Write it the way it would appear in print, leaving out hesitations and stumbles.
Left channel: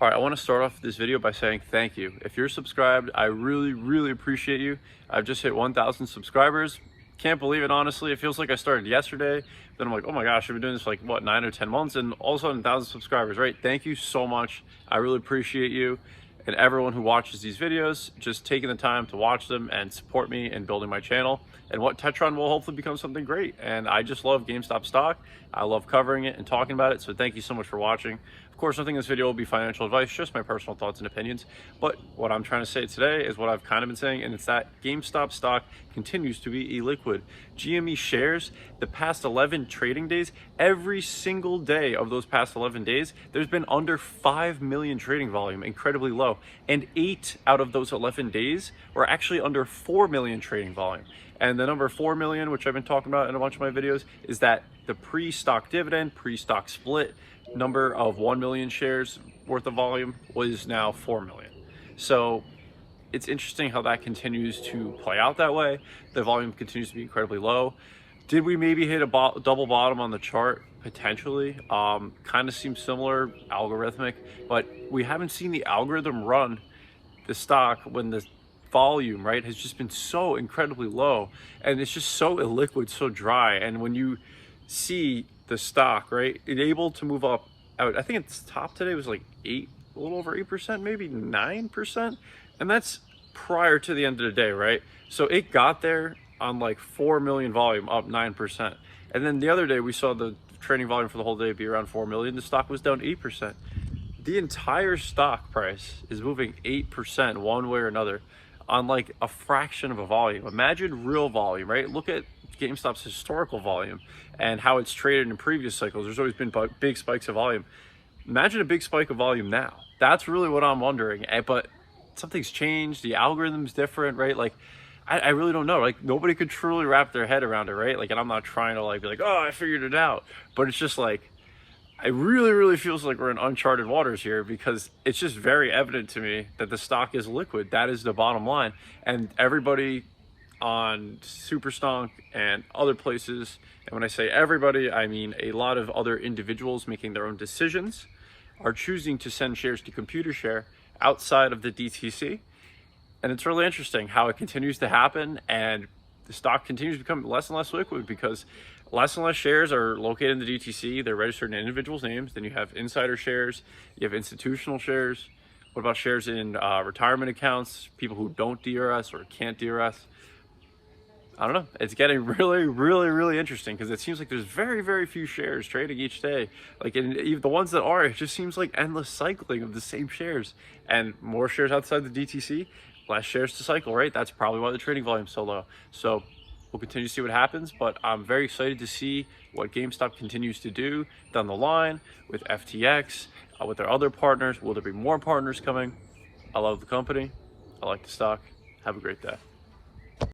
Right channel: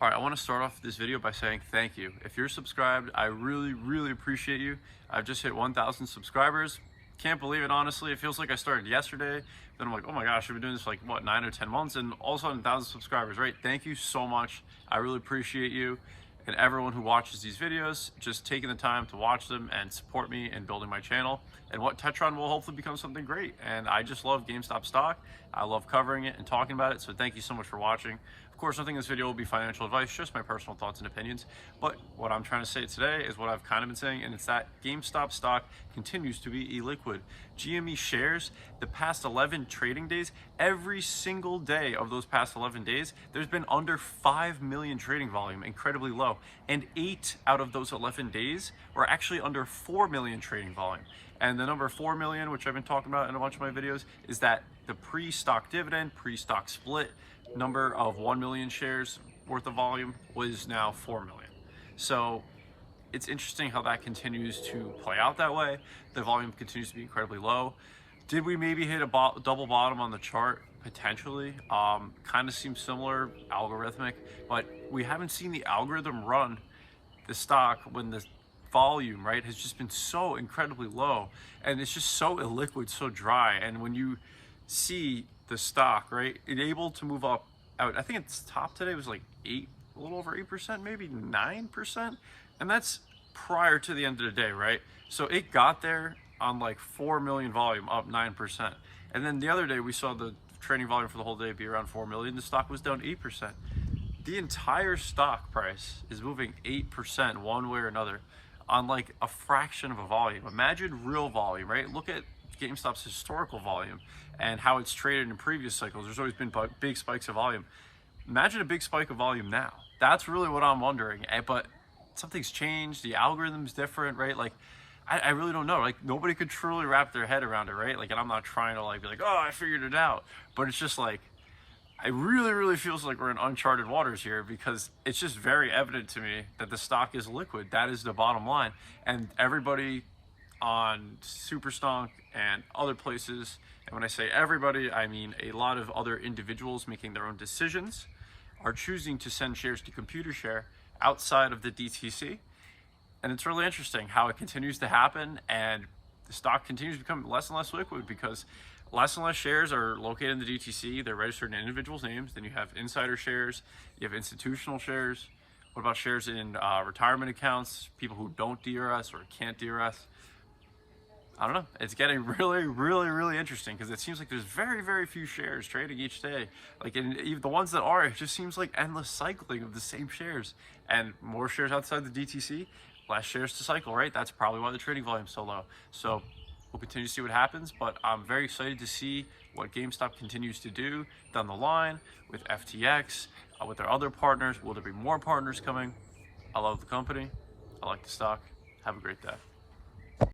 All right, I want to start off this video by saying thank you. If you're subscribed, I really appreciate you. I've just hit 1,000 subscribers. Can't believe it, honestly. It feels like I started yesterday. Then I'm like, oh my gosh, I've been doing this for like, what, 9 or 10 months? And all of a sudden, 1,000 subscribers, right? Thank you so much. I really appreciate you. And everyone who watches these videos, just taking the time to watch them and support me in building my channel. And what Tetron will hopefully become something great. And I just love GameStop stock. I love covering it and talking about it. So thank you so much for watching. Of course, nothing in this video will be financial advice, just my personal thoughts and opinions. But what I'm trying to say today is what I've kind of been saying, and it's that GameStop stock continues to be illiquid. GME shares, the past 11 trading days, every single day of those past 11 days, there's been under 5 million trading volume, incredibly low. And 8 out of those 11 days were actually under 4 million trading volume. And the number 4 million, which I've been talking about in a bunch of my videos, is that the pre-stock dividend, pre-stock split number of 1 million shares worth of volume was now 4 million. So it's interesting how that continues to play out that way. The volume continues to be incredibly low. Did we maybe hit a double bottom on the chart? Potentially. Kind of seems similar, algorithmic, but we haven't seen the algorithm run the stock when the volume, right, has just been so incredibly low, and it's just so illiquid, so dry. And when you see the stock, right, it's able to move up out, I think its top today was like a little over 8%, maybe 9%, and that's prior to the end of the day, right? So it got there on like 4 million volume, up 9%. And then the other day we saw the trading volume for the whole day be around 4 million. The stock was down 8%. The entire stock price is moving 8% one way or another on like a fraction of a volume. Imagine real volume, right? Look at GameStop's historical volume and how it's traded in previous cycles. There's always been big spikes of volume. Imagine a big spike of volume now. That's really what I'm wondering. But something's changed. The algorithm's different, right? Like, I really don't know. Like, nobody could truly wrap their head around it, right? Like, and I'm not trying to like be like, oh, I figured it out. But it's just like, it really feels like we're in uncharted waters here, because it's just very evident to me that the stock is liquid. That is the bottom line. And everybody on Superstonk and other places, and when I say everybody, I mean a lot of other individuals making their own decisions, are choosing to send shares to ComputerShare outside of the DTC. And it's really interesting how it continues to happen, and the stock continues to become less and less liquid because less and less shares are located in the DTC. They're registered in individuals' names. Then you have insider shares, you have institutional shares. What about shares in retirement accounts, people who don't DRS or can't DRS? I don't know. It's getting really interesting, because it seems like there's very few shares trading each day. Like, in even the ones that are, it just seems like endless cycling of the same shares, and more shares outside the DTC, less shares to cycle, right? That's probably why the trading volume is so low. So we'll continue to see what happens, but I'm very excited to see what GameStop continues to do down the line with FTX, with their other partners. Will there be more partners coming? I love the company. I like the stock. Have a great day.